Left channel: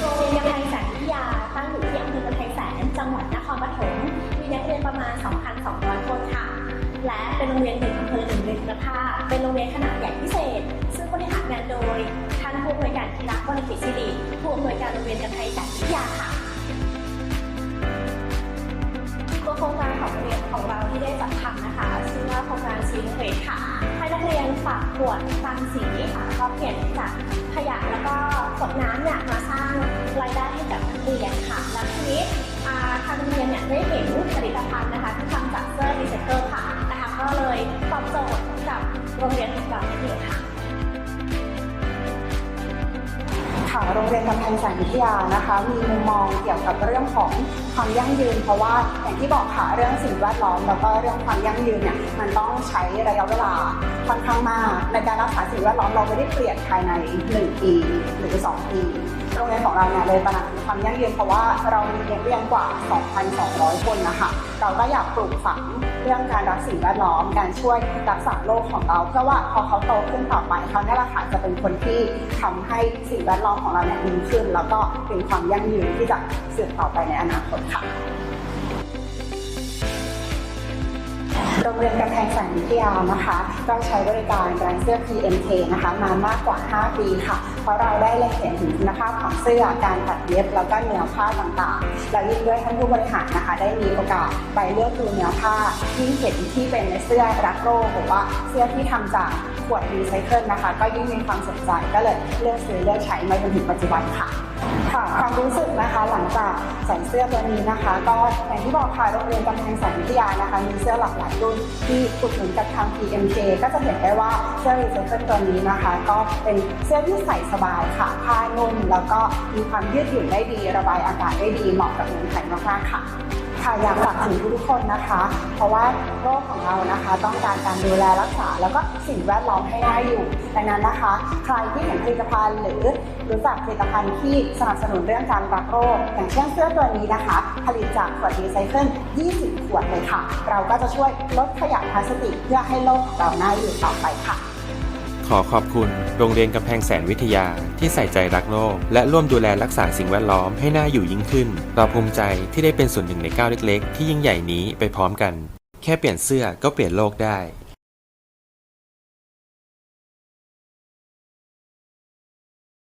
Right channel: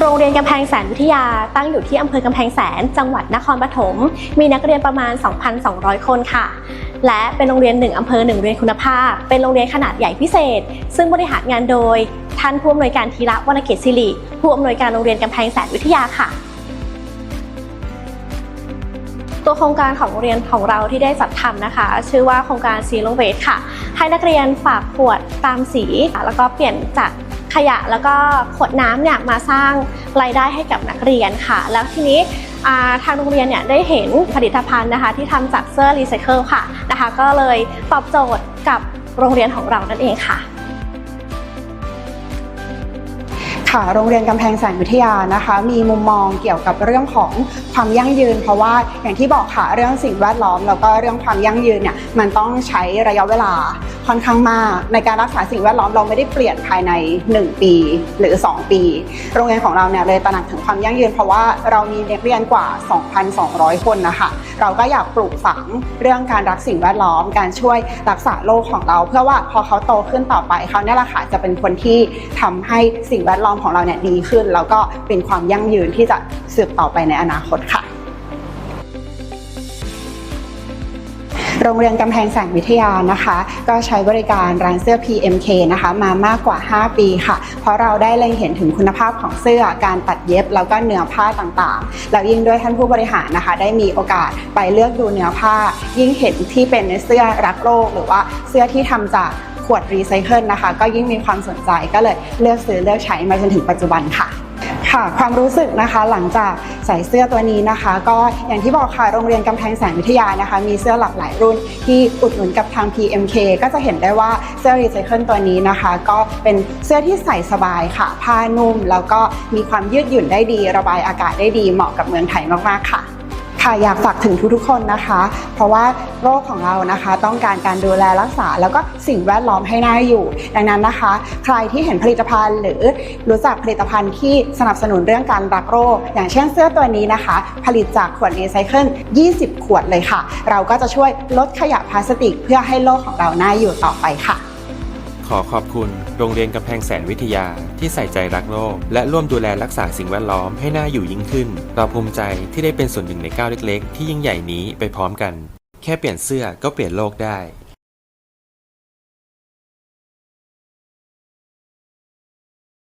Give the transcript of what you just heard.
โรงเรียนกำแพงแสนวิทยาตั้งอยู่ที่อำเภอกำแพงแสน จังหวัดนครปฐม มีนักเรียนประมาณ 2,200 คนค่ะ และเป็นโรงเรียนหนึ่งอำเภอหนึ่งเรียนคุณภาพ เป็นโรงเรียนขนาดใหญ่พิเศษ ซึ่งบริหารงานโดย ท่านผู้อำนวยการธีระวรรณเกตศิริ ผู้อำนวยการโรงเรียนกำแพงแสนวิทยาค่ะ ตัวโครงการของโรงเรียนของเราที่ได้จัดทำนะคะ ชื่อว่าโครงการซีโรเวทค่ะ ให้นักเรียนฝากขวดตามสีแล้วก็เปลี่ยนจากขยะแล้วก็ขวดน้ำเนี่ยมาสร้างรายได้ให้กับนักเรียนค่ะ แล้วทีนี้ทางโรงเรียนเนี่ยได้เห็นผลิตภัณฑ์นะคะที่ทำจากเสื้อรีไซเคิลค่ะนะคะ ก็เลยตอบโจทย์กับโรงเรียนของเรานั่นเองค่ะ ค่ะโรงเรียนกำแพงแสนวิทยานะคะ มีมุมมองเกี่ยวกับเรื่องของความยั่งยืน เพราะว่าอย่างที่บอกค่ะเรื่องสิ่งแวดล้อม แล้วก็เรื่องความยั่งยืนเนี่ยมันต้องใช้ระยะเวลาค่อนข้างมาก ในการรักษาสิ่งแวดล้อมเราไม่ได้เปลี่ยนภายใน 1 ปีหรือ 2 ปี โรงเรียนของเราเนี่ยเลยตระหนักถึงความยั่งยืน เพราะว่าเรามีนักเรียนกว่า 2,200 คนนะคะเราก็อยากปลูกฝังเรื่องการรักสิ่งแวดล้อม การช่วยรักษาโลกของเรา เพื่อว่าพอเขาโตขึ้นต่อไปเขาเนี่ยแหละค่ะจะเป็นคนที่ทำให้สิ่งแวดล้อมของเราเนี่ยดีขึ้น แล้วก็เป็นความยั่งยืนที่จะสืบต่อไปในอนาคตค่ะโรงเรียนกำแพงแสงวิทยานะคะ ก็ใช้บริการร้านเสื้อ PMK นะคะมามากกว่า 5 ปีค่ะ เพราะเราได้เล็งเห็นถึงคุณภาพของเสื้อการตัดเย็บ แล้วก็เนื้อผ้าต่างๆ แล้วยิ่งด้วยท่านผู้บริหารนะคะ ได้มีโอกาสไปเลือกดูเนื้อผ้า ยิ่งเห็นที่เป็นเสื้อรักโลกหรือว่าเสื้อที่ทำจาก ขวดรีไซเคิลนะคะ ก็ยิ่งมีความสนใจก็เลยเลือกซื้อเลือกใช้มาจนถึงปัจจุบันค่ะค่ะความรู้สึกนะคะหลังจากใส่เสื้อตัวนี้นะคะ ก็อย่างที่บอกค่ะโรงเรียนกำแพงแสนวิทยานะคะ มีเสื้อหลากหลายรุ่นที่อุดหนุนกับทาง PMK ก็จะเห็นได้ว่าเสื้อรีไซเคิลตัวนี้นะคะ ก็เป็นเสื้อที่ใส่สบายค่ะ ผ้านุ่ม แล้วก็มีความยืดหยุ่นได้ดี ระบายอากาศได้ดีเหมาะกับเมืองไทยมากๆค่ะ ค่ะอยากฝากถึงทุกๆคนนะคะ เพราะว่าโรคของเรานะคะ ต้องการการดูแลรักษา แล้วก็สิ่งแวดล้อมให้น่าอยู่ ดังนั้นนะคะ ใครที่เห็นผลิตภัณฑ์ หรือรู้จักผลิตภัณฑ์ที่สนับสนุนเรื่องการรักโรค อย่างเช่นเสื้อตัวนี้นะคะ ผลิตจากขวดรีไซเคิล20 ขวดเลยค่ะ เราก็จะช่วยลดขยะพลาสติก เพื่อให้โลกของเราน่าอยู่ต่อไปค่ะ ขอขอบคุณ โรงเรียนกำแพงแสนวิทยาที่ใส่ใจรักโลก และร่วมดูแลรักษาสิ่งแวดล้อมให้น่าอยู่ยิ่งขึ้น เราภูมิใจที่ได้เป็นส่วนหนึ่งในก้าวเล็ก ๆ ที่ยิ่งใหญ่นี้ไปพร้อมกัน แค่เปลี่ยนเสื้อก็เปลี่ยนโลกได้